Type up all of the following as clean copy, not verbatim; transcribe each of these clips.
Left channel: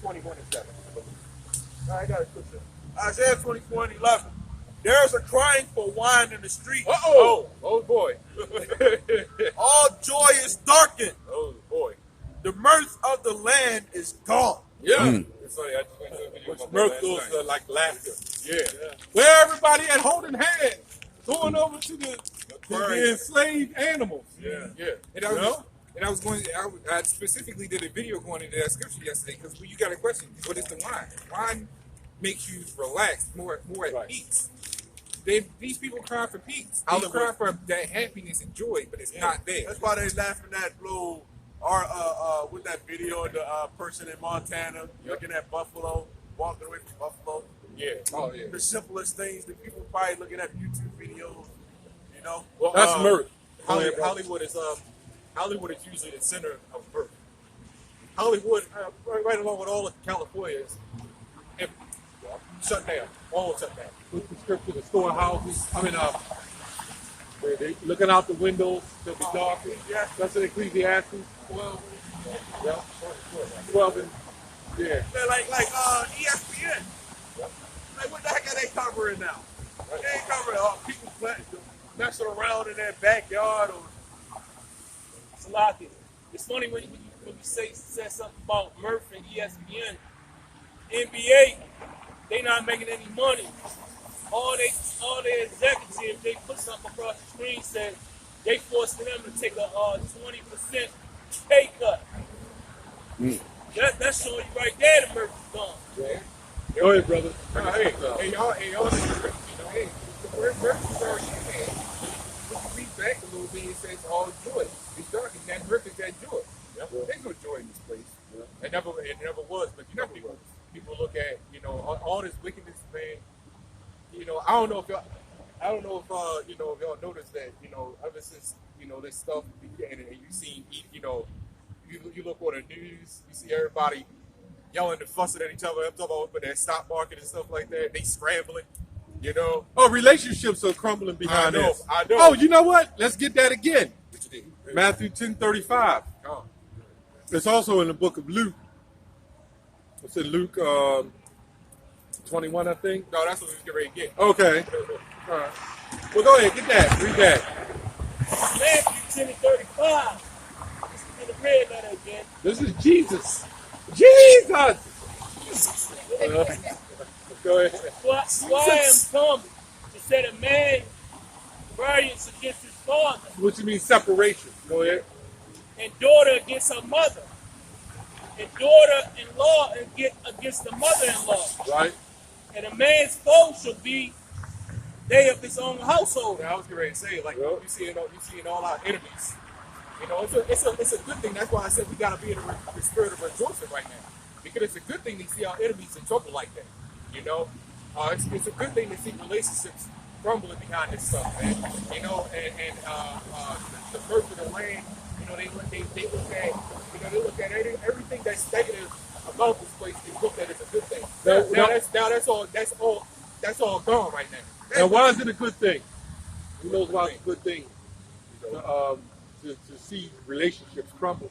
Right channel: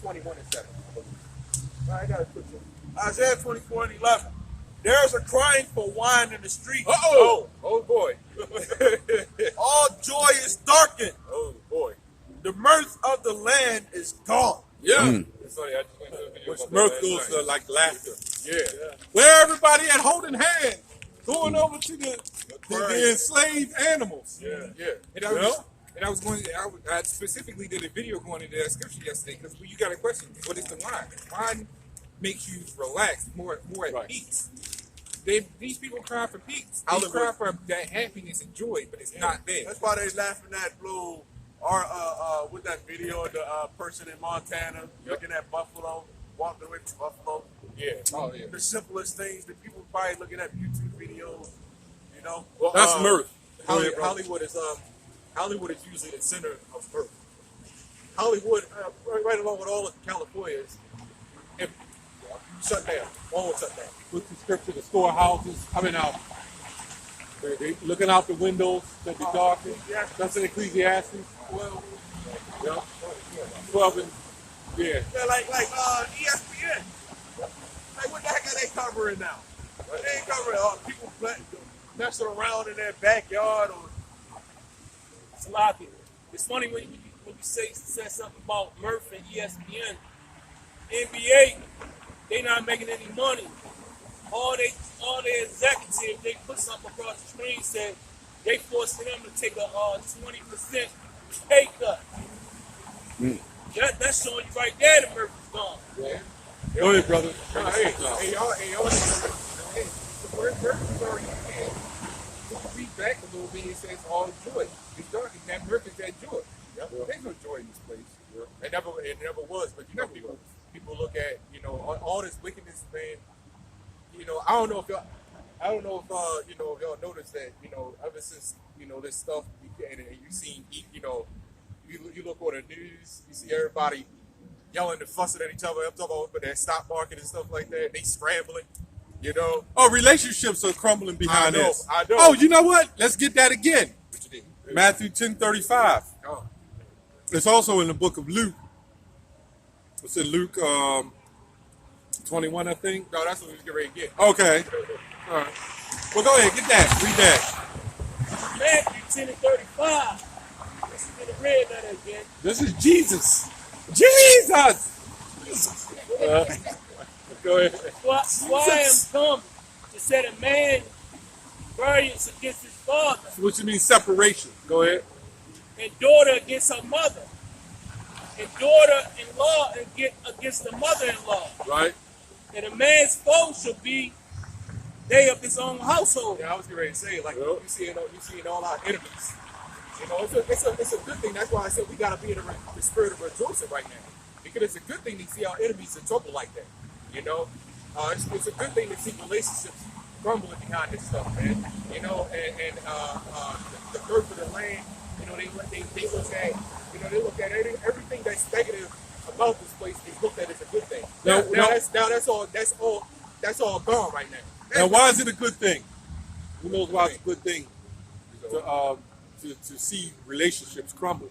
21 and 7, I believe. I got a scripture. Isaiah 24 and 11. There's a crying for wine in the street. Oh boy. All joy is darkened. Oh boy. The mirth of the land is gone. Yeah. It's funny, I just went to a video about that Mirth last goes night. like laughter. Yeah. Where everybody at holding hands, going over to the enslaved animals. Yeah. And I specifically did a video going into that scripture yesterday because you got a question. What is the wine? Wine makes you relax, more at peace. These people cry for peace. They cry for that happiness and joy, but it's not there. That's why they laughing at Blue. With that video of the person in Montana looking at buffalo, walking away from buffalo. Yeah. Oh yeah. The simplest things that people probably looking at YouTube videos, you know. Well, That's mirth. Hollywood is usually the center of mirth. Hollywood, right along with all of California, is shut down. All shut down. With the scripture, the storehouses. They looking out the windows, they'll be dark. That's in Ecclesiastes. 12 and Yeah, like ESPN. Like what the heck are they covering now? Right. They ain't covering people messing around in their backyard or. Salaki. It's funny when you say something about Murph and ESPN. NBA, they not making any money. All their executives, they put something across the screen said they forcing them to take a 20% pay cut. That's showing you right there the Murph is gone. Yeah. Go ahead, brother. Hey, y'all, the word Murph is already in there. But you read back a little bit, it says all joy. It's dark, and that Murph is that joy. Yep. There's no joy in this place. It never was, but people look at all this wickedness, man. I don't know if y'all noticed that ever since this stuff began, and you seen you look on the news, you see everybody yelling and fussing at each other. I'm talking about with that stock market and stuff like that. They scrambling, Oh, relationships are crumbling behind this. I know. Oh, you know what? Let's get that again. Matthew 10:35. Oh. It's also in the book of Luke. It's in Luke 21, I think. No, that's what we was getting ready to get. Okay. All right. Well, go ahead. Get that. Read that. Matthew 10 and 35. This is in the red letter again. This is Jesus. Jesus! Go ahead. Why I am come to set a man variance against his father, What you mean separation? Go ahead. and daughter against her mother, and daughter-in-law against the mother-in-law. Right? And a man's foe shall be they of his own household. Yeah, I was getting ready to say, like, you see all our enemies. It's a good thing. That's why I said we got to be in the spirit of rejoicing right now, because it's a good thing to see our enemies in trouble like that. It's a good thing to see relationships crumbling behind this stuff, man. And the birth of the land. They look at everything that's negative about this place. They look at it as a good thing. That's all gone right now. Now, why is it a good thing? Who knows why it's a good thing to see relationships crumble?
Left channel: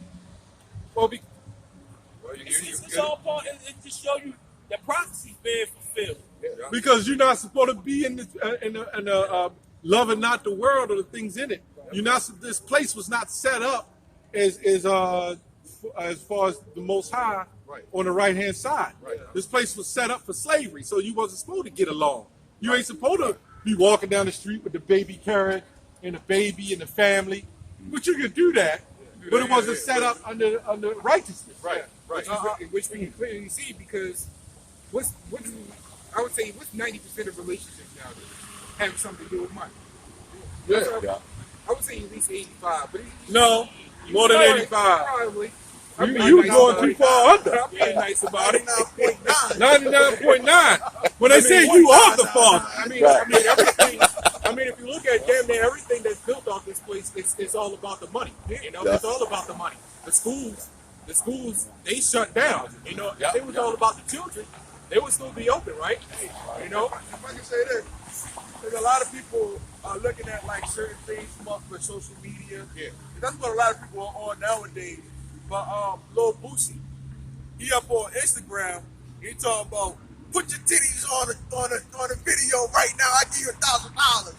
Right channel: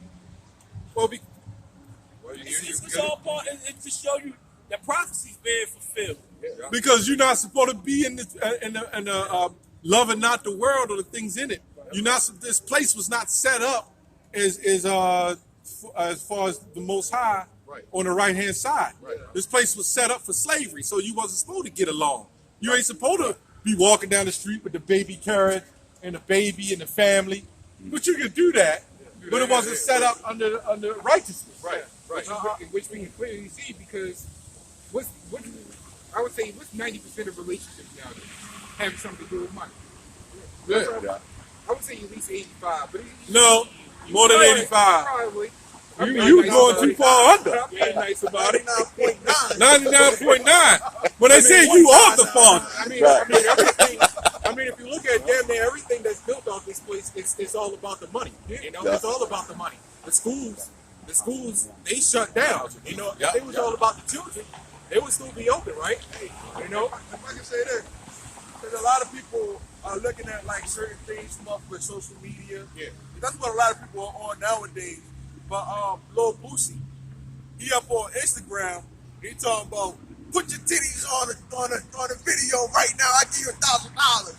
Well, It's all part. It just show you the prophecy's being fulfilled. Because you're not supposed to be in the love and not the world or the things in it. This place was not set up as far as the Most High on the right hand side. Right. This place was set up for slavery, so you wasn't supposed to get along. You ain't supposed to be walking down the street with the baby carriage and the baby and the family. But you can do that, but it wasn't set up under righteousness. Right. Which we can clearly see because I would say what's 90% of relationships nowadays have something to do with money. Yeah. I would say at least 85, but No, more than 85. Probably. You going too far under. I'm being nice about it. 99.9. 99.9. When they say you are the father. If you look at damn near everything that's built off this place, it's all about the money. It's all about the money. The schools, they shut down. If it was all about the children, they would still be open, right? If I can say this, because a lot of people are looking at like certain things from off of social media. Yeah. That's what a lot of people are on nowadays. But Lil Boosie, he up on Instagram. He talking about put your titties on a video right now. I give you $1,000.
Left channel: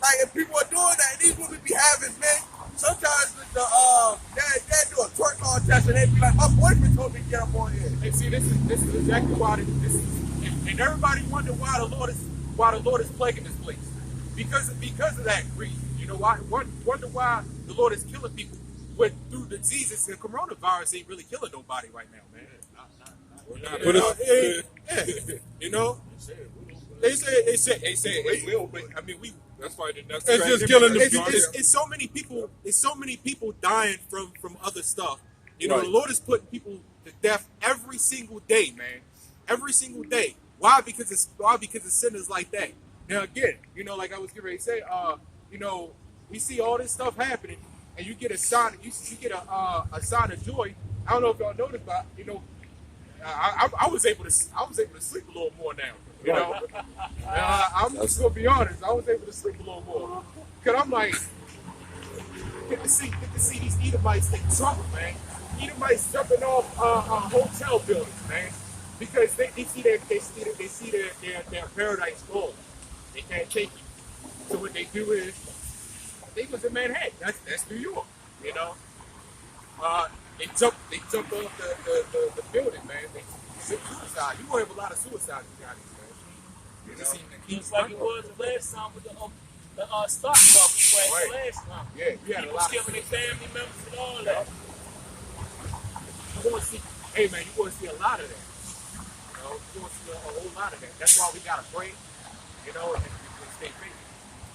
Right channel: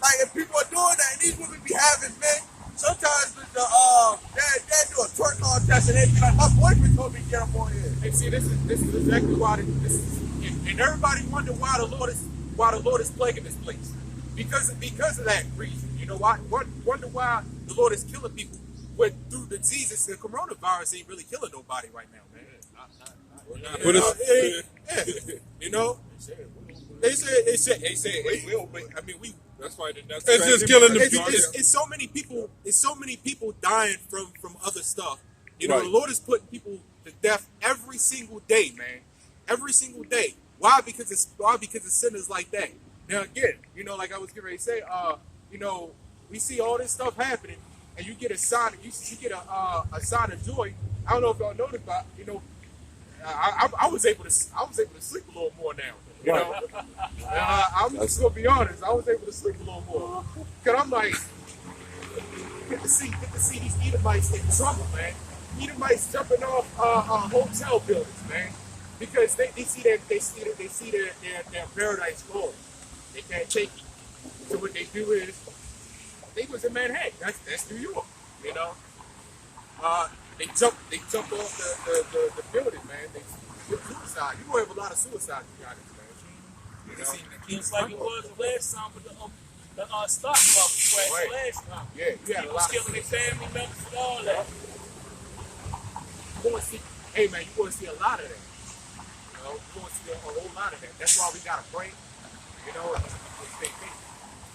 Like if people are doing that, and these women be having men. Sometimes they do a twerk contest and they be like, my boyfriend told me to get up on here. And see, this is exactly why this is, and everybody wonder why the Lord is plaguing this place, because of that reason. You know why? Wonder why the Lord is killing people. But through the diseases, the coronavirus ain't really killing nobody right now, man. You know, they say it will, but I mean That's why that's It's just killing the it's so many people. It's so many people dying from other stuff. You know, Right. the Lord is putting people to death every single day, man. Every single day. Why? Because it's sinners like that. Now again, you know, like I was getting ready to say, you know, we see all this stuff happening, and you get a sign. You get a sign of joy. I don't know if y'all noticed, but you know, I was able to sleep a little more now. You know, I'm just gonna be honest. I was able to sleep a little more, cause I'm like, get to see these Edomites in trouble, man. Edomites jumping off hotel buildings, man, because they see their paradise gone. They can't take it. So what they do is, they was in Manhattan. That's New York, you know. They jump off the building, man. They suicide. You gonna have a lot of suicides, you guys, man. You know, Just like it was the last time with the stock market crash Right. last time. yeah, you had a People lot killing their family members and all that. You want to see, hey man, you want to see a lot of that. You know, you want to see a whole lot of that. That's why we gotta pray. You know, and stay faithful.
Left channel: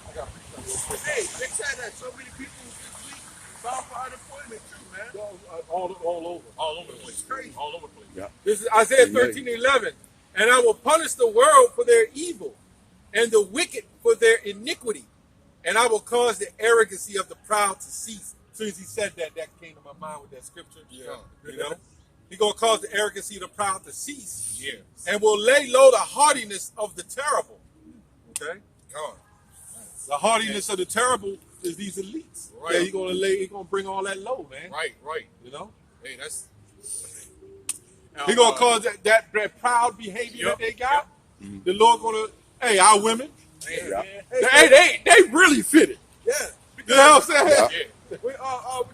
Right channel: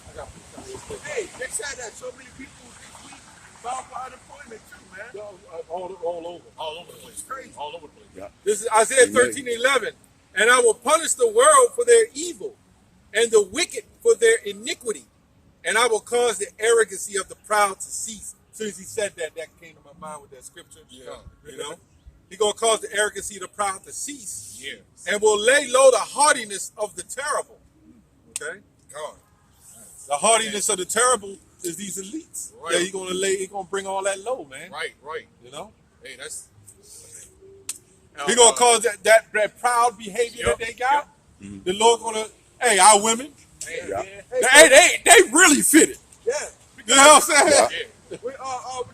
I gotta preach something real quick. Hey, they said that so many people this week filed for unemployment too, man. all over. All over the place. Crazy. All over the place. Yeah. This is Isaiah 13:11. And I will punish the world for their evil, and the wicked for their iniquity, and I will cause the arrogancy of the proud to cease. As soon as he said that, that came to my mind with that scripture. Yeah. You know, he's gonna cause the arrogancy of the proud to cease, Yeah. and will lay low the haughtiness of the terrible. Okay, God. the haughtiness of the terrible is these elites. Right. Yeah, he's gonna bring all that low, man. Right. You know, Hey, that's. he's gonna cause that proud behavior Yep, that they got. The Lord gonna, hey, our women, Yeah. they really fit it. Yeah. You know what I'm saying? Yeah. Yeah. We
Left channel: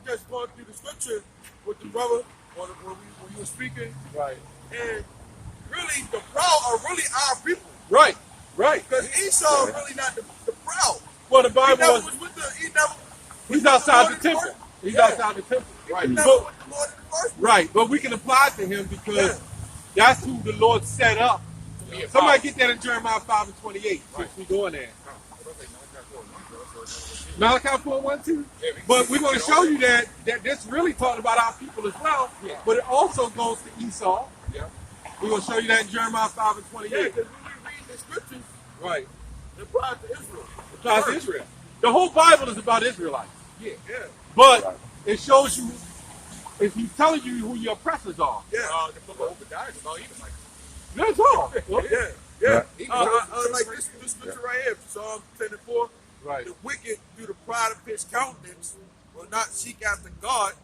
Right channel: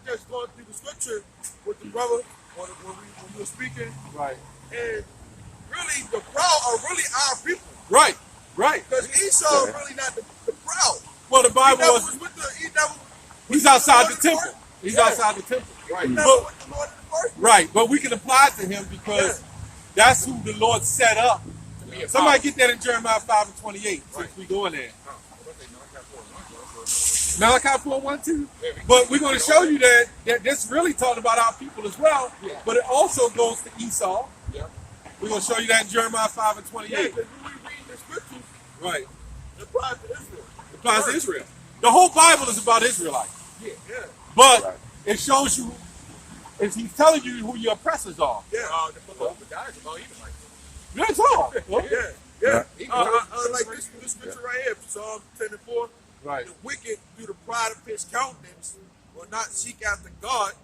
just going through the scripture with the brother when you were speaking, Right. and really the proud are really our people. Right. Because Esau Yeah. really not the proud. Well, the He Bible never was, was with the he never was he's with outside Lord the in temple. first- He's Yeah. outside the temple. He Right. was never But, with the Lord in the first place. right. But we can apply to him because that's who the Lord set up. To be a Somebody power. get that in Jeremiah 5:28. Right. Since we go in there. No, what if they knock out for one, so Malachi 4:1-2. Yeah, But we're going get to show all you that this really talking about our people as well. Yeah. But it also goes to Esau. Yeah. We're going to show you that in Jeremiah Yeah, 5:28. because when we read the scriptures, Right. it applies to Israel. It applies to Israel. The whole Bible is about Israelites. Yeah. But Right. it shows you, if he's telling you who your oppressors are. Yeah. The book of Obadiah is about Edomite. That's all. Yeah. Right. Like this scripture right here, Psalm 10:4. Right. The wicked, through the pride of his countenance, will not seek after God.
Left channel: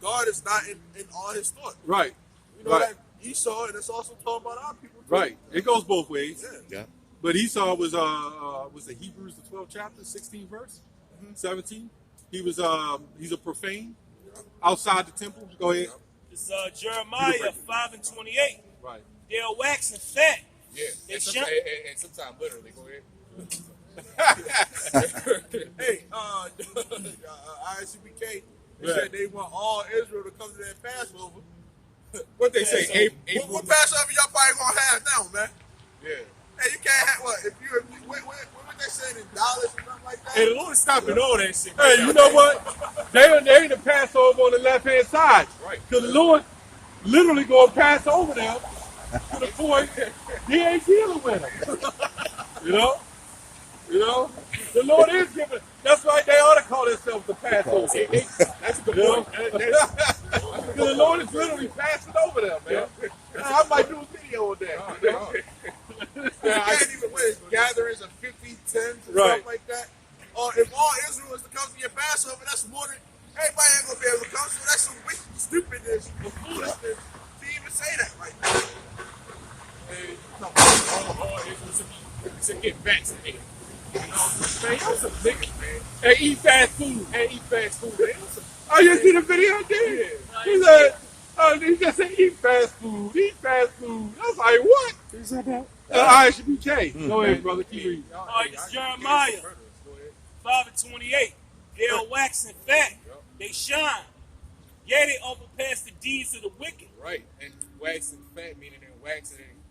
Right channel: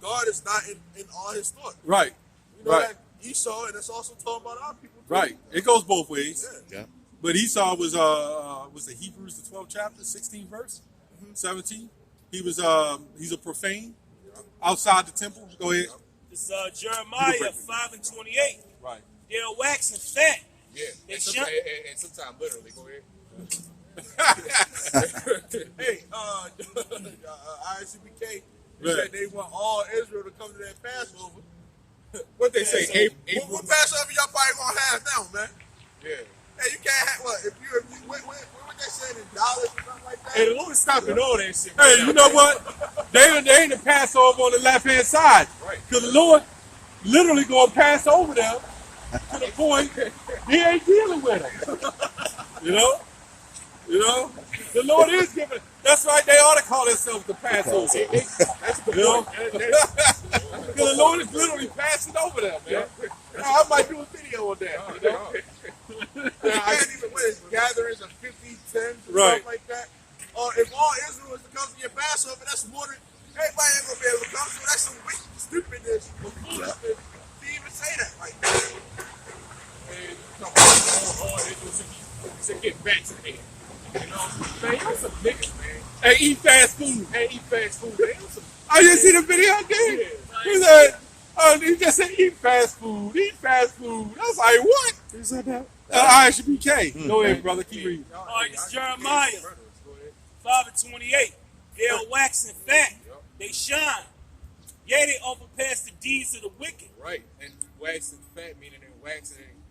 God is not in all his thoughts. Right. You know Right. that Esau, and it's also talking about our people too. Right. It goes both ways. Yeah. Yeah. But Esau was the Hebrews the 12th chapter, 16th verse, 17. He was he's a profane outside the temple. Go ahead. It's Jeremiah 5:28. Right. They're waxing fat. Yeah. They And jump- sometimes literally. Go ahead. Hey, ISCBK, they said they want all Israel to come to their Passover. What they say? April. What Passover y'all probably gonna have now, man? Yeah. Hey, you can't have what? If you what they said in dollars or something like that? Hey, the Lord is stopping all that shit. Hey, you know what? They ain't the Passover on the left hand side. Right. Because the Lord literally gonna pass over them to the point he ain't dealing with them. You know? The Lord is giving. That's right. They ought to call themselves the Passover. That's a good You know? point. Because the Lord is literally passing over them, man. I might do a video on that. You know? You can't even win gatherings of 50, 10s and Right. stuff like that. Or if all Israel is to come to your Passover, that's more than everybody ain't gonna be able to come. So that's some wicked stupidness or foolishness to even say to get vaccinated. You know, man, y'all some niggas, man. And eat fast food. And eat fast food, man. Y'all some, Oh, you see the video, dude? Yeah. He said, he just said, eat fast food, eat fast food. I was like, what? What's that about? ISBK. Go ahead, brother. Keep reading. All right, it's Jeremiah 5:28. They're waxing fat. Yep. They shine. Yeah, they overpass the deeds of the wicked. Right, and waxing fat meaning in waxing and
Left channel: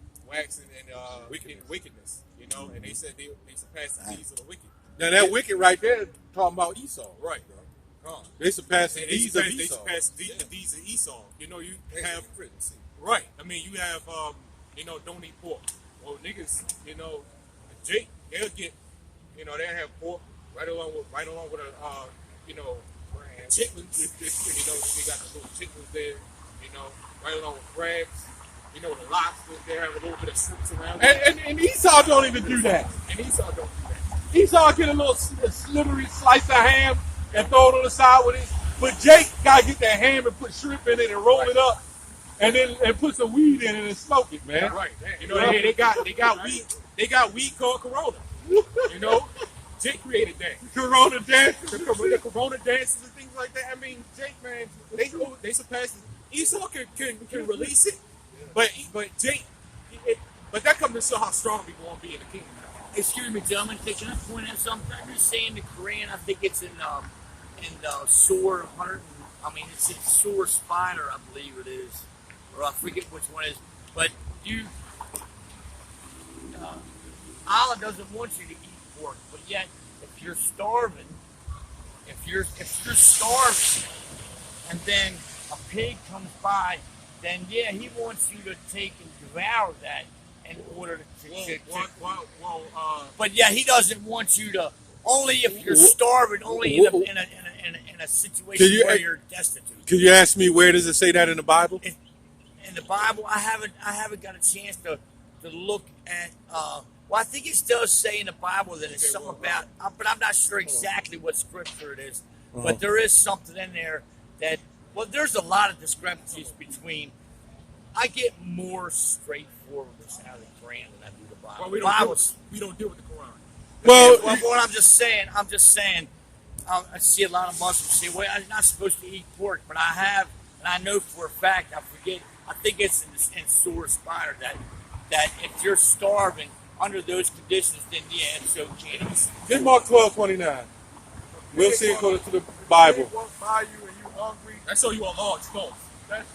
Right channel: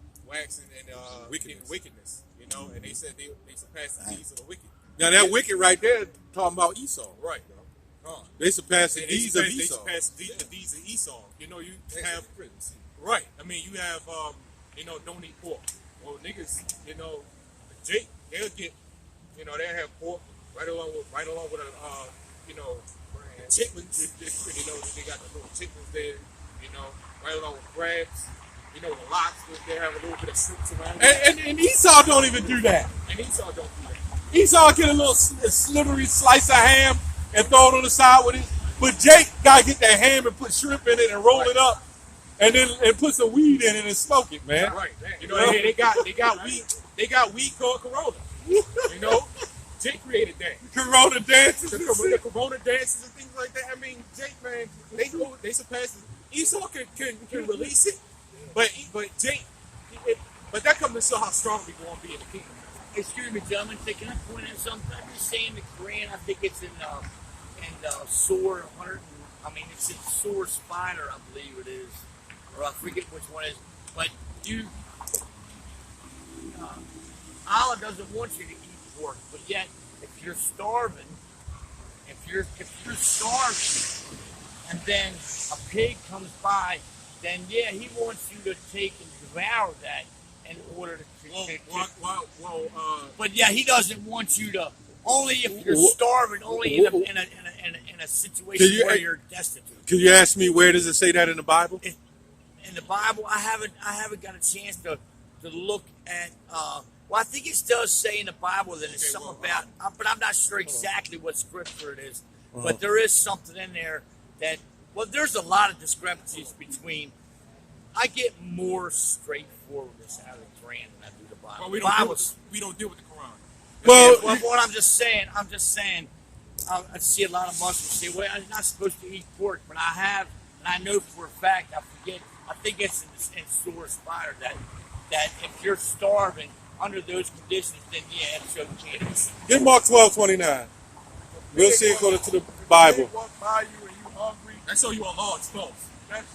wickedness. You know, and they said they surpassed the deeds of the wicked. Now, that wicked right there talking about Esau. Right, bro. Come on. They surpassed the They deeds of surpassed, they Esau. surpassed the deeds of Esau. You know, you have right. I mean, you have you know, don't eat pork. Well, niggas, you know, Jake, they'll get, you know, they'll have pork right along with you know, chitlins. You know, they got the little chitlins there. You know, right along with crabs. You know, the lobsters. They have a little bit of shrimps around. And Esau don't even do that. And Esau don't do that. Esau get a little slivery slice of ham and throw it on the side with it. But Jake gotta get that ham and put shrimp in it and roll it up, and then put some weed in it and smoke it, man. Right. You know, they got weed called Corona. You know, Jake created that. Corona dances. The Corona dances and things like that. I mean, Jake, man, they surpassed it. Esau can release it, but Jake, but that comes to show how strong we gonna be in the kingdom. Excuse me, gentlemen. Can I point out something? I'm just saying the Quran. I think it's in Surah 100. It's in Surah Spider, I believe it is, or I forget which one it is. But Allah doesn't want you to eat pork. But yet, if you're starving, and then a pig comes by, then yeah, he wants you to take and devour that in order to. But yeah, he doesn't want you to. Only if you're starving. Only in a situation where you're destitute. Could you ask me where does it say that in the Bible? In the Bible, I haven't got a chance to look at. Well, I think it does say in the Bible that it's something about, but I'm not sure exactly what scripture it is. But there is something in there that. Well, there's a lot of discrepancies between. I get more straightforwardness out of the Quran than I do the Bible. Well, we don't deal with the Quran. Well, what I'm just saying, I see a lot of Muslims say, well, I'm not supposed to eat pork, but I know for a fact, I think it's in Surah Spider that if you're starving under those conditions, then yeah, it's okay. Get Mark 12:29. We'll see according to the Bible. They walk by you and you hungry. That's so you Allah exposed. That's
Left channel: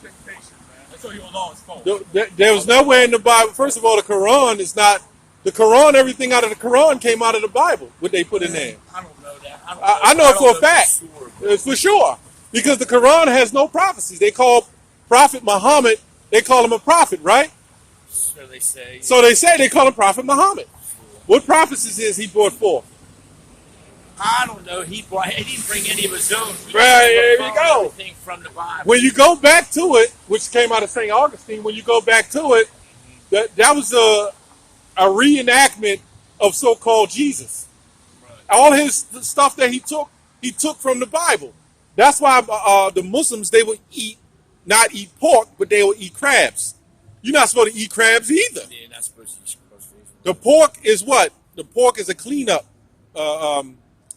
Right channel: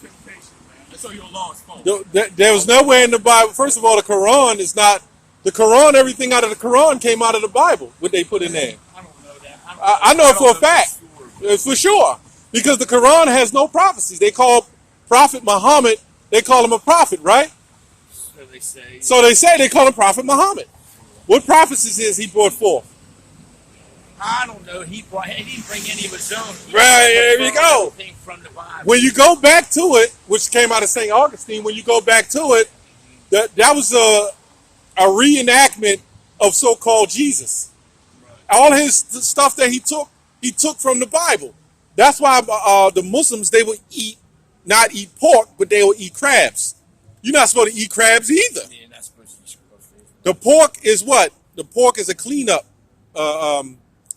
temptation, man. That's so you Allah exposed. There was nowhere in the Bible. First of all, the Quran is not. The Quran, everything out of the Quran came out of the Bible, what they put in there. I don't know that. I know it for a fact. For sure. Because the Quran has no prophecies. They call Prophet Muhammad, they call him a prophet, right? So they say. So they say they call him Prophet Muhammad. What prophecies is he brought forth? I don't know. He didn't bring any of his own. Right, there you go. Everything from the Bible. When you go back to it, which came out of St. Augustine, when you go back to it, that was a reenactment of so-called Jesus. All his stuff that he took from the Bible. That's why the Muslims, they will not eat pork, but they will eat crabs. You're not supposed to eat crabs either. Yeah, not supposed to eat crabs. The pork is what? The pork is a cleanup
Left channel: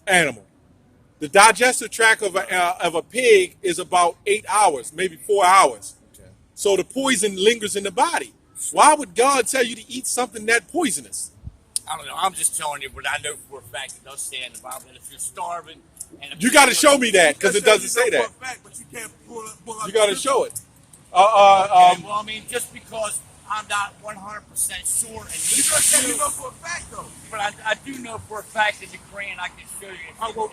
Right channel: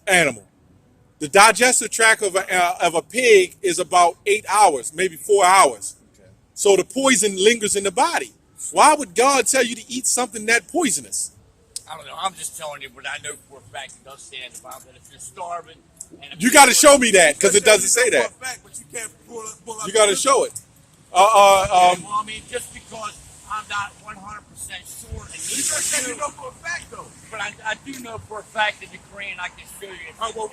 animal. The digestive tract of a pig is about 8 hours, maybe 4 hours. Okay. So the poison lingers in the body. Why would God tell you to eat something that poisonous? I don't know. I'm just telling you, but I know for a fact it does say in the Bible that if you're starving, You got to show me that because it doesn't say that. For a fact, but you can't pull up You got to show it. well, I mean, just because I'm not 100% sure, and You just said you know for a fact, though. but I do know for a fact that the Quran I can show you. But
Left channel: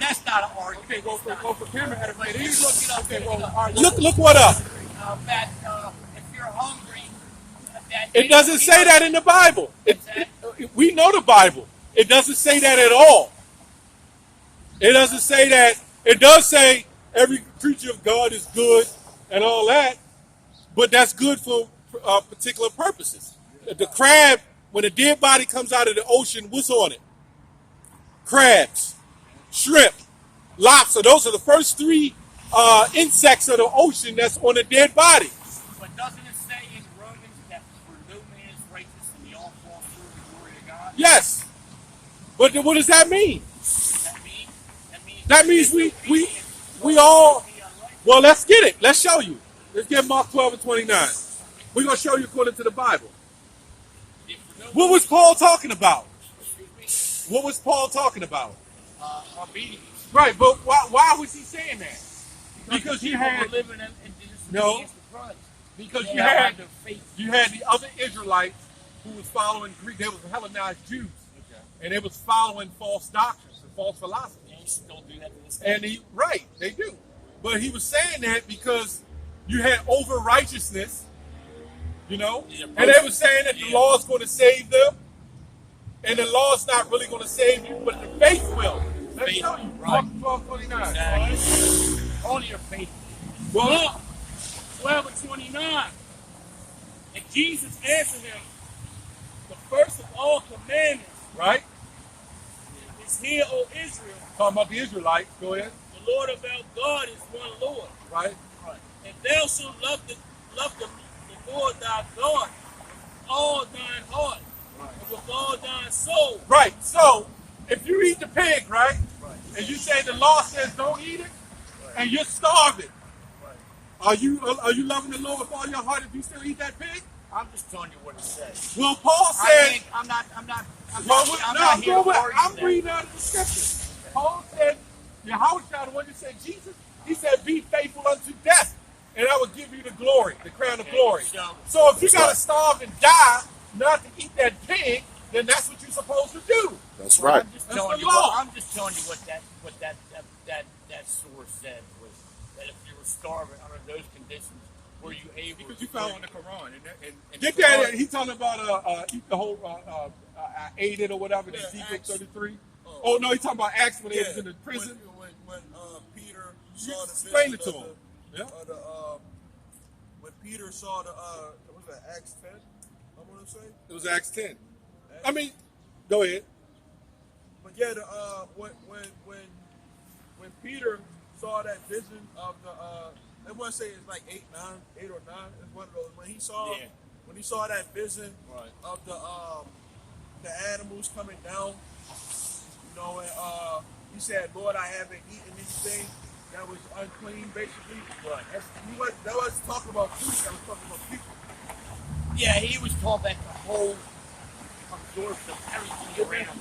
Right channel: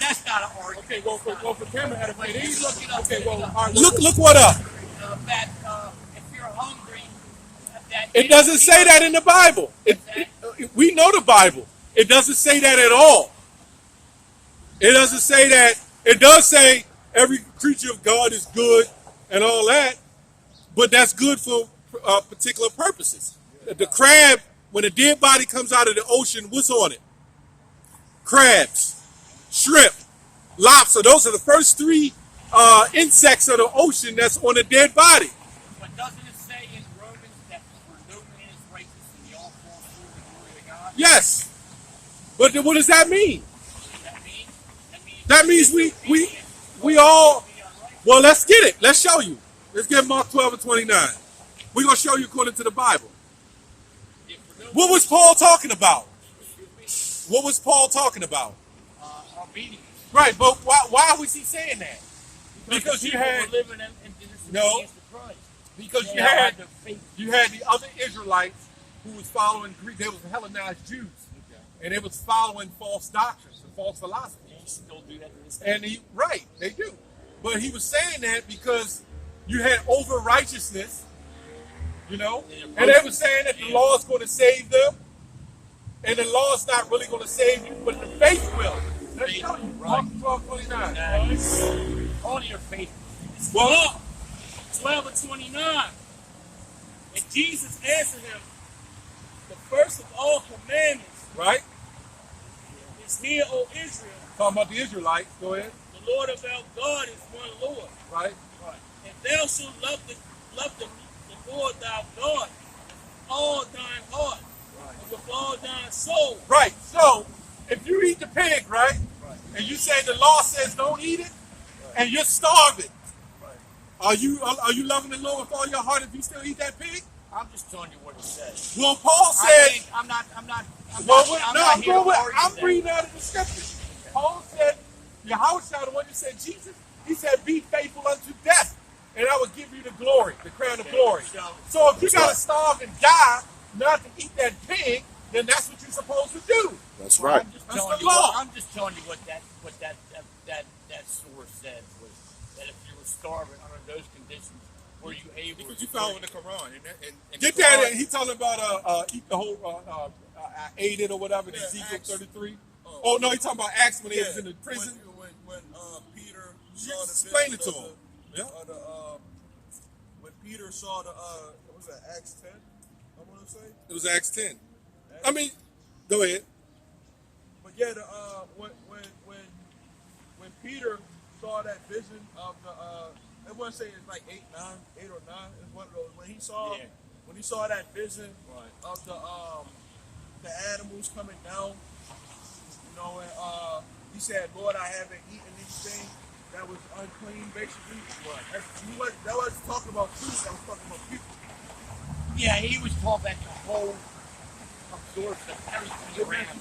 that's not an argument. Okay, well, for Cameron had a But he's looking up. Okay, well, all right, Look what up. That if you're hungry, that It doesn't say that in the Bible. We know the Bible. It doesn't say that at all. It doesn't say that. It does say every creature of God is good and all that, but that's good for particular purposes. The crab, when a dead body comes out of the ocean, what's on it? Crabs, shrimp, lobster. Those are the first three insects of the ocean that's on a dead body. But doesn't it say in Romans that for no man is righteous and the all fall short of Yes. But then what does that mean? That means We all, well, let's get it. Let's show you. Let's get Mark 12 and 29. We're going to show you according to the Bible. What was Paul talking about? What was Paul talking about? obedience. Right, but why was he saying that? Because you people had were living in No. disobedience to Christ. because They you all had the faith. the other Israelites who was following Greek. They was Hellenized Jews, and they was following false doctrines and false philosophy. They still do that to this day. And they do. But he was saying that because you had over righteousness, and they were saying that the law is going to save them, and the law is not really going to save you, but the faith will. Let's show you. Mark 12:29. Exactly. Only your faith. Well, 12 and 29. And Jesus answered him, the first of all commandments right? is, hear, O Israel, Talking about the Israelites. Go ahead. the Lord of our God is one Lord. Right? And thou shalt love the Lord thy God with all thine heart and with all thine soul. Right. So, if you eat the pig, right? And you say the law says don't eat it, and you're starving, are you loving the Lord with all your heart if you still eat that pig? I'm just telling you what it says. Well, Paul said. I'm not here to argue I'm that. reading out of the scriptures. Paul said, Yahushua, the one that said Jesus, he said, be faithful unto death, and I will give you the glory, the crown of glory. So if you got to starve and die not to eat that pig, then that's what you're supposed to do. That's right. I'm just telling you what that source said was that if you were starving under those conditions, were you able? Because you following the Quran. And Get the that? Quran- He talking about eat the whole, I ate it or whatever. Yeah, Ezekiel Acts. 33. Oh no, he talking about Acts when he was in the prison. When Peter You saw the explain vision it to him. Yeah. When Peter saw the what was that, Acts 10? I want to say. It was Acts 10. I mean, go ahead. But yeah, when Peter saw that vision of the I want to say it's like 8 or 9. It's one of those when he saw that vision of the animals coming down, and he said, "Lord, I haven't eaten anything that was unclean." Basically, that was talking about food. That was talking about people. Yeah, he was told that the whole absorption of everything around.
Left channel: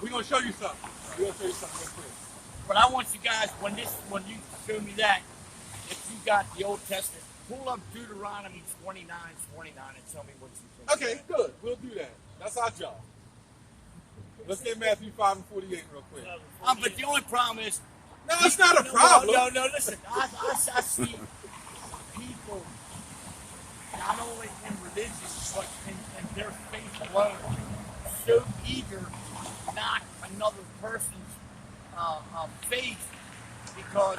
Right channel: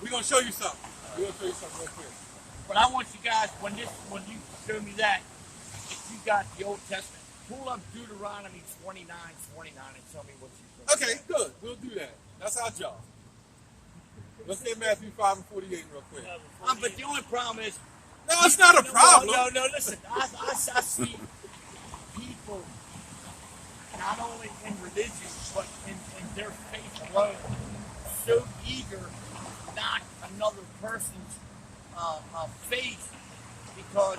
We're gonna show you something. We're gonna show you something real quick. But I want you guys, when you show me that, if you got the Old Testament, pull up Deuteronomy 29:29 and tell me what you think. Okay, good. We'll do that. That's our job. Let's get Matthew 5 and 48 real quick. But the only problem is, No, it's not a problem. No, listen. I see people not only in religion but in their faith alone so eager to knock another person's faith because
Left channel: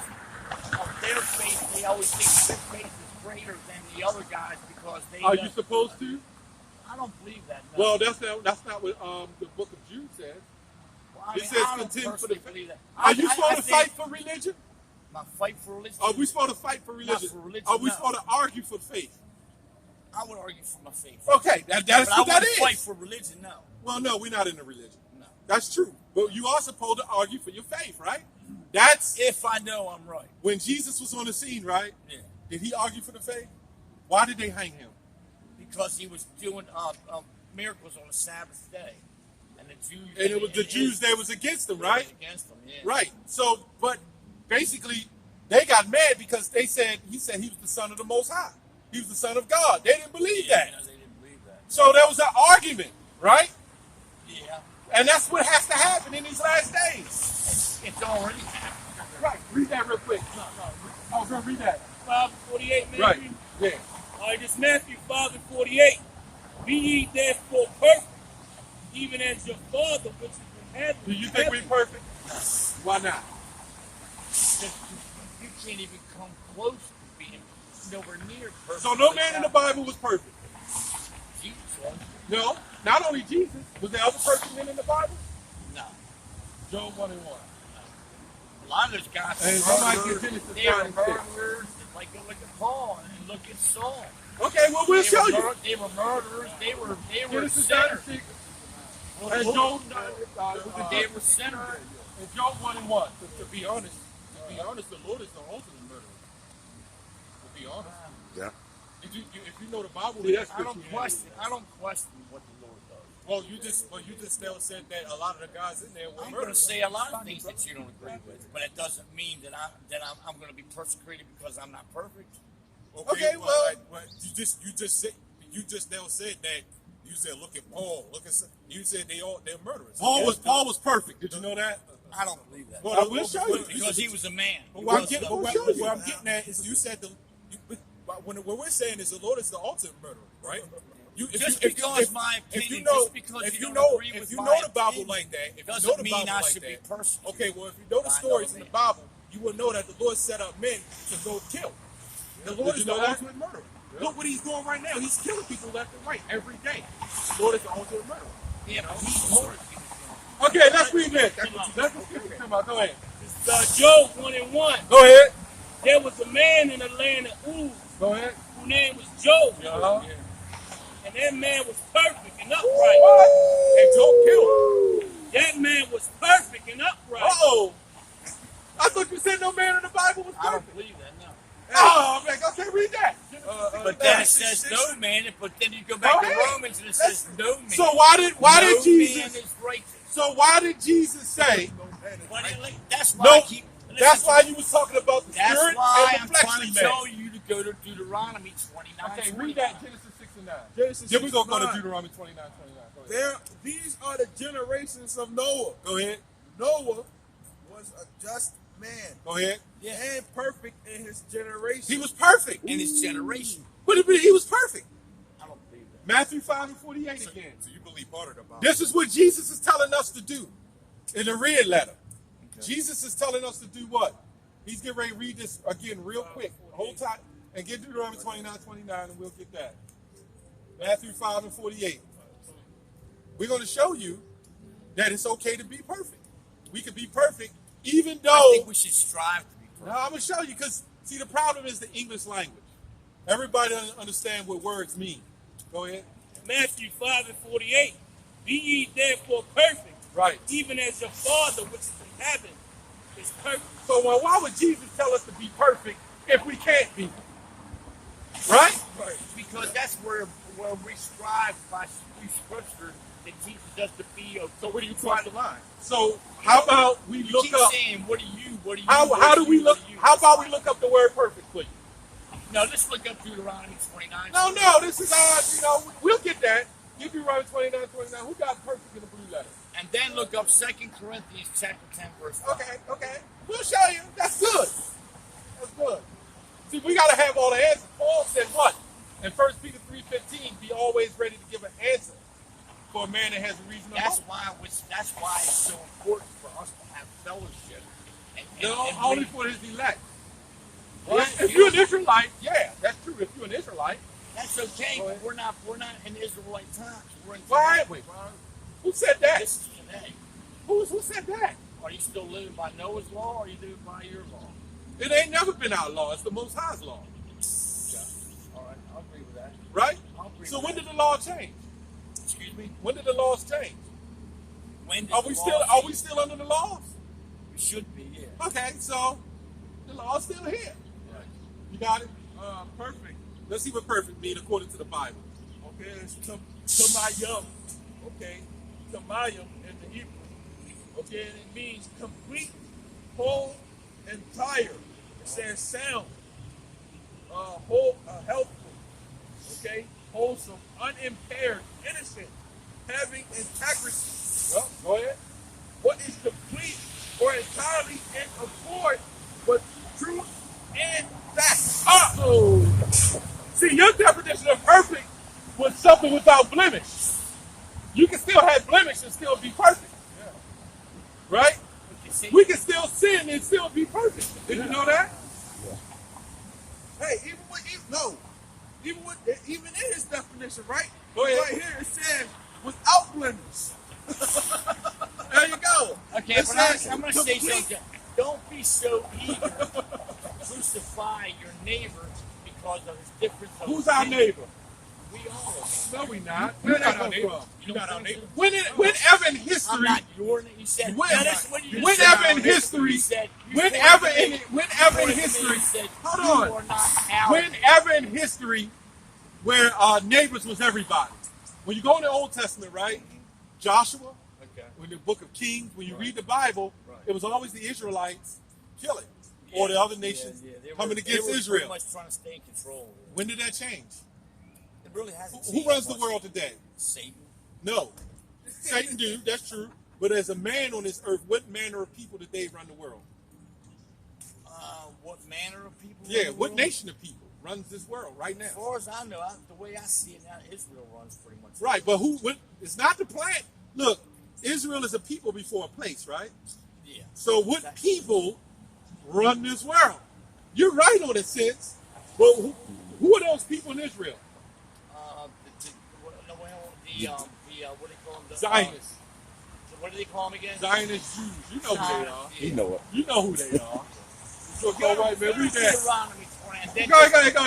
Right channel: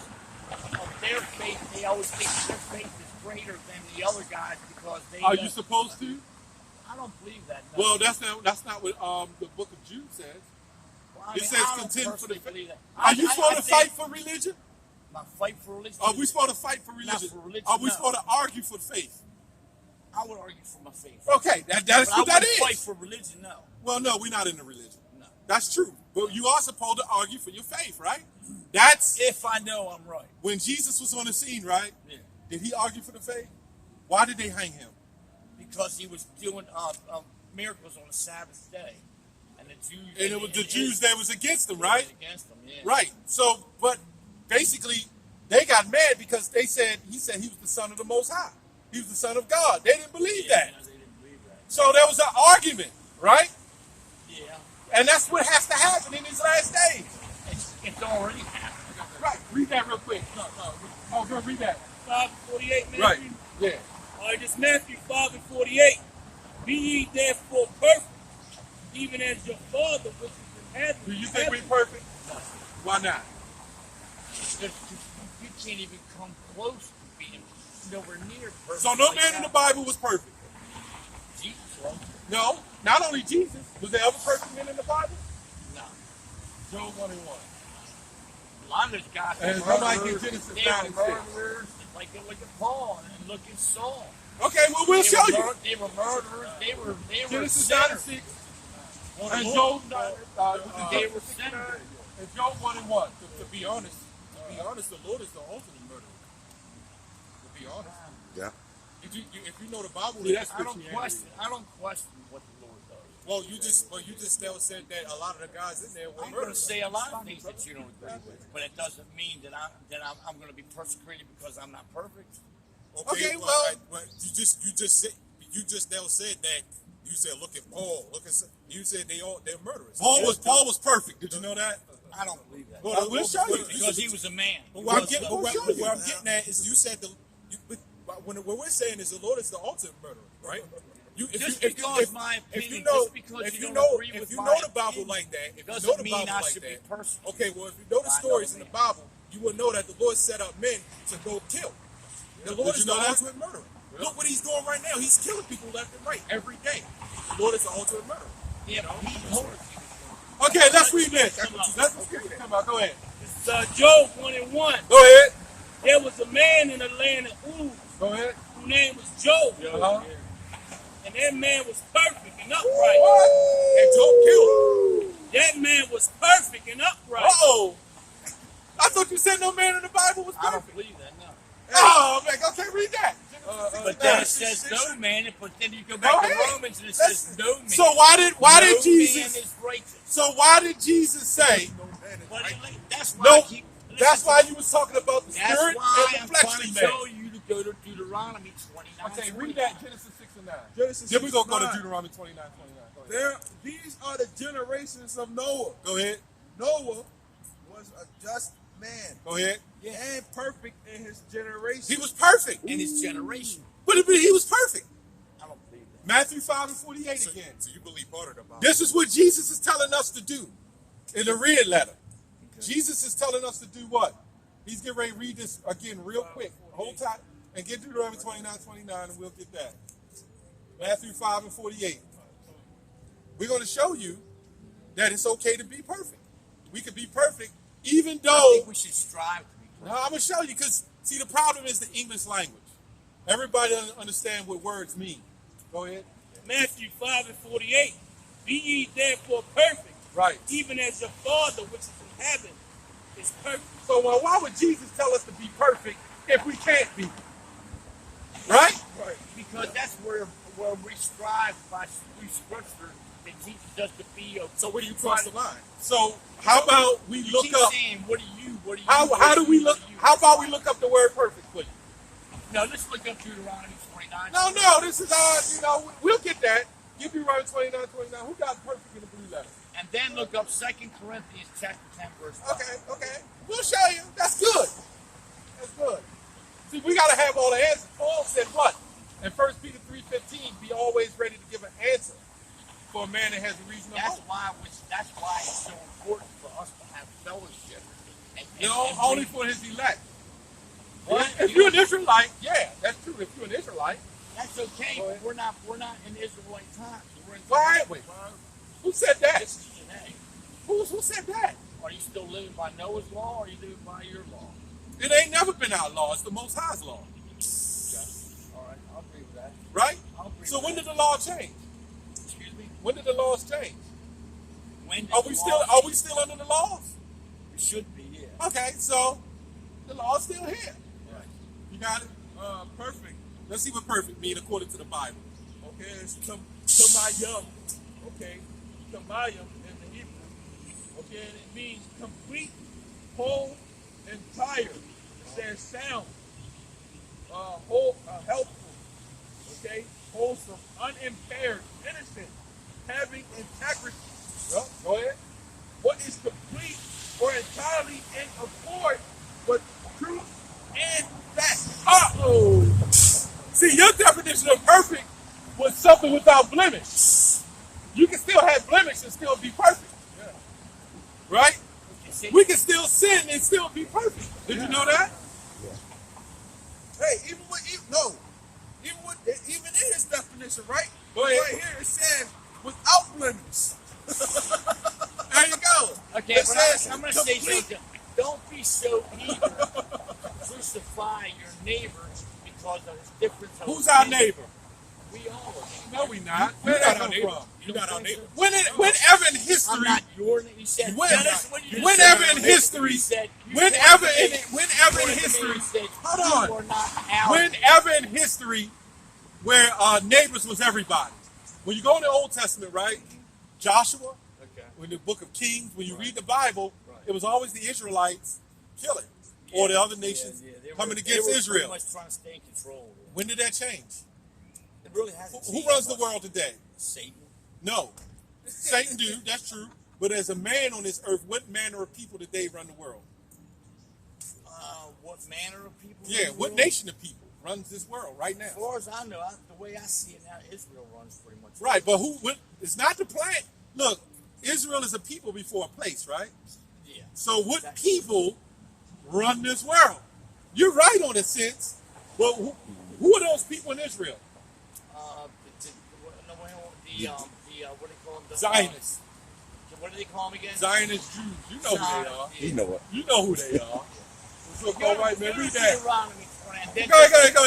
of their faith. They always think their faith is greater than the other guys because they. Are you supposed to? I don't believe that. No. Well, that's not what the book of Jude says. Well, I It mean, says I don't contend for personally the believe that. Are you I supposed to think fight for religion? my fight for religion? Are we supposed to fight for religion? for religion, Are we no. supposed to argue for faith? I would argue for my faith. Okay, that's But what I that wouldn't fight is. for religion, no. Well, no, we're not in the religion. No. That's true. But you are supposed to argue for your faith, right? That's If I know I'm right. when Jesus was on the scene, right? Yeah. Did he argue for the faith? Why did they hang him? Because he was doing miracles on the Sabbath day. And the Jews... And it was the Jews that was against him, right? Against them, yeah. Right. So, but basically, they got mad because he said he was the son of the Most High. He was the son of God. They didn't believe that. No, they didn't believe that. So there was an argument, right? Yeah. And that's what has to happen in these last days. It's already happened. Right. Read that real quick. No. Oh, go read that. 5:48, Matthew. Right. Yeah. All right, this Matthew 5:48. Be ye therefore perfect, even as your Father which is in heaven. Do you think we're perfect? Why not? You can't even come close to being nowhere near perfect. So no like man in the that. Bible was perfect. Jesus was. No, not only Jesus. Was there other perfect men in the Bible? No. Job 1 and 1. A lot of those guys And were somebody murderers. get Genesis They 9 were and 6. murderers. Look at Paul and look at Saul. Okay, well we'll show you. They were murderers. They were Genesis 9 and sinners. 6. And Job, They were sinners. and Job 1 and 1. To be honest, the Lord is the ultimate murderer. To be honest. Yeah. If you know the Bible, I don't question what the Lord does. well, you just now said that a lot of the guys in there were I'm going to murderers. say a lot of things that you don't agree with, but it doesn't mean that I'm going to be persecuted because I'm not perfect. Okay, well, you just now said that. You said, look at Paul. You said they're murderers. Paul was perfect. Did you know that? I don't believe that. Well, we'll show you. Because he was a man. But what I'm getting at is you said when we're saying is the Lord is the ultimate murderer, right? If you know the Bible like that, if you know the Bible like that, okay, well, if you know the stories in the Bible, you will know that the Lord set up men to go kill. The Lord is the ultimate murderer. Look what he's doing right now. He's killing people left and right every day. The Lord is the ultimate murderer. Yeah, but Okay, let's read this. Let's come on. Go ahead. It's Job 1 and 1. Go ahead. There was a man in the land of Uz Go ahead. whose name was Job. And that man was perfect and upright. And don't kill him. That man was perfect and upright. Uh-oh. I thought you said no man in the Bible was perfect. I don't believe that, no. Oh, man, okay, read that. But then it says no man, but then you go back to Romans and it says no man. So why did no Jesus? man is righteous. So why did Jesus say? That's why No, I keep. that's why you was talking about the That's spirit why and I'm the trying fleshly to man. tell you to go to Deuteronomy 29. Okay, read that Genesis 6 and 9. Genesis Then we're gonna go to 6:9. Deuteronomy 29. Go ahead. These are the generations of Noah. Go ahead. Noah was a just man Go ahead. and perfect in his generation. He was perfect. in his generation. But he was perfect. I don't believe that. Matthew 5 and 48 again. So you believe part of the Bible. This is what Jesus is telling us to do in the red letter. Jesus is telling us to do what? He's getting ready to read this again real quick. Hold tight and get Deuteronomy 29 and we'll get that. Matthew 5 and 48. We're going to show you that it's okay to be perfect. We can be perfect even I though... think we should strive to be perfect. No, I'm going to show you because, see, the problem is the English language. Everybody doesn't understand what words mean. Go ahead. Matthew 5 and 48. Be ye therefore perfect, Right. even as your Father which is in heaven is perfect. So why would Jesus tell us to be perfect if we can't be? Right? Because that's where we strive by through Scripture that teaches us to be. So where do you cross the line? So how about we You look keep up? saying, what do you? How do we look? How about we look up the word perfect, please? No, let's look up Deuteronomy 29. No. This is we'll get that. Give you right 29. Who got perfect in the blue letter? And then look up 2 Corinthians chapter 10, verse 5. Okay. We'll show you. That's good. See, we got to have all the answers. Paul said what? In 1 Peter 3:15, be always ready to give an answer for a man that has a reason to hope. That's why it's so important for us to have fellowship. Only for his elect. Right? If you're an Israelite, yeah, that's true. If you're an Israelite, That's okay, but we're not in Israelite times. We're in why aren't we? Who said that? This is today. Who said that? Are you still living by Noah's law, or are you living by your law? It ain't never been our law. It's the Most High's law. Okay. All right, I'll agree with that. Right? I'll agree So with when that. did the law change? Excuse me? When did the laws change? When did Are the we law- still under the laws? We should be, yeah. Okay, so the law's still here. Right. You got it? Perfect. Let's see what perfect means according to the Bible. Okay, it's Tamayim. Okay, Tamayim in the Hebrew. Okay, and it means complete, whole, entire. It says sound, whole, helpful. Okay, wholesome, unimpaired, innocent, having integrity. Well, go ahead. What is complete or entirely in accord with truth and fact. Uh-oh. See, your definition of perfect was something without blemish. You can still have blemish and still be perfect. Yeah. Right? We can still sin and still be perfect. Did you know that? Hey, even in his definition, right? Go ahead. Right here it says without blemish. There you go. Okay, It but says I'm going to say complete. something. Don't be so eager to crucify your neighbor because of his difference of Who's our opinion. neighbor? We all are. No, we not. Where that come from? You don't think so? Whenever in history, I'm not your name. You said Dennis, when you just whenever said, in history, you said, you whenever pointed to in me, whenever you in pointed to me history, and said, hold you on. are not our Whenever in history, where neighbors was everybody. When you go in the Old Testament, right? Joshua, in the book of Kings, when you read the Bible, it was always the Israelites killing, or the other nations coming against Israel. Pretty much trying to stay in control. Yeah. When did that change? It really hasn't. Who runs the world today? Satan. No. Satan do, that's true. But as a man on this earth, what manner of people today run the world? What manner of people? Yeah, what nation of people runs this world right now? As far as I know, the way I see it now, Israel runs pretty much. Right, but it's not the planet. Look, Israel is a people before a place, right? Yeah. So what people run this world? You're right on a sense, but who are those people in Israel? What do they call them? Zionists. What do they call them again? Zionist Jews. You know who they are. You know it. You know who they are. Go right, man. Read that. Deuteronomy 20. And then Go ahead, man.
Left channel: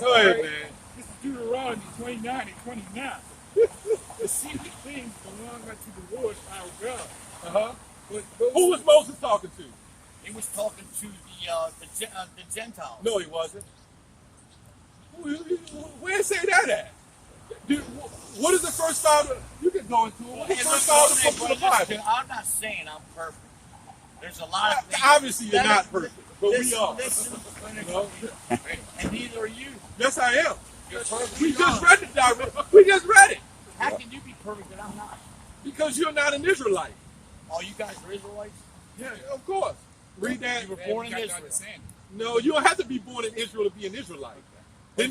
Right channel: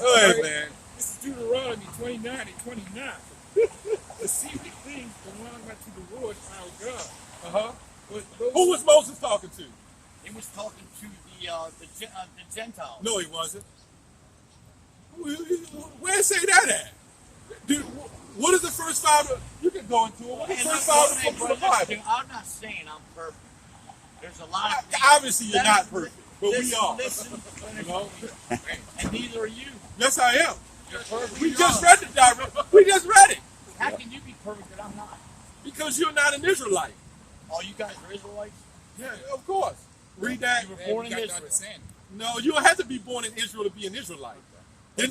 Go ahead, man. This is Deuteronomy 29 and 29. The secret things belong unto the Lord our God. Uh-huh. But Who was Moses talking to? he was talking to the Gentiles. No, he wasn't. Where say that at? Dude, what is the first five? You can go into it. What is the first five books of the Bible? I'm not saying I'm perfect. There's a lot of things. Obviously, you're not perfect, but we are. Listen, You know? and neither are you. Yes, I am. You're perfect. We just read it, Darren. We just read it. How can you be perfect and I'm not? Because you're not an Israelite. All you guys are Israelites? Yeah, of course. Read that. You were born in Israel. No, you don't have to be born in Israel to be an Israelite. Did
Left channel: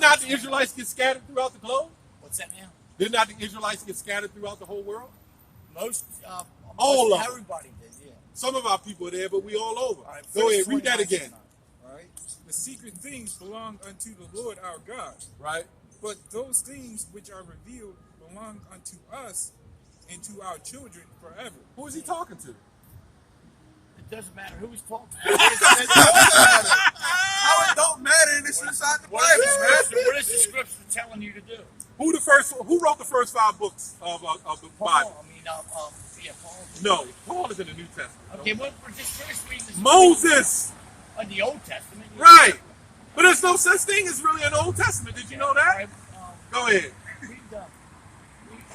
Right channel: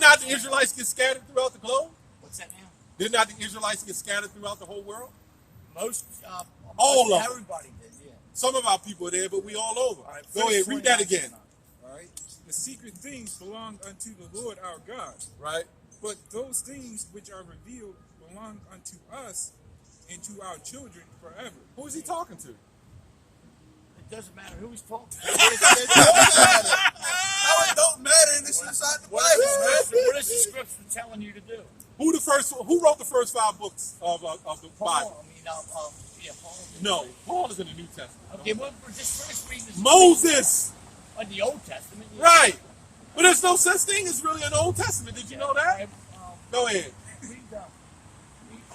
not the Israelites get scattered throughout the globe? What's that now? Did not the Israelites get scattered throughout the whole world? All of them. everybody did, yeah. Some of our people are there, but we all over. All right, Go ahead, verse read that 29. again. All right. The secret things belong unto the Lord our God. Right? But those things which are revealed belong unto us and to our children forever. Who is he talking to? It doesn't matter who's talking. How it don't matter and it's inside the What Bible. is the scripture telling you to do? Who wrote the first 5 books of the Bible? Paul. Paul. No, Paul is in the New Testament. Okay, well, we're just finished reading this. Moses! In the Old Testament. Yeah. Right. But there's no such thing as really an Old Testament. Did you know that? All right, Go ahead. read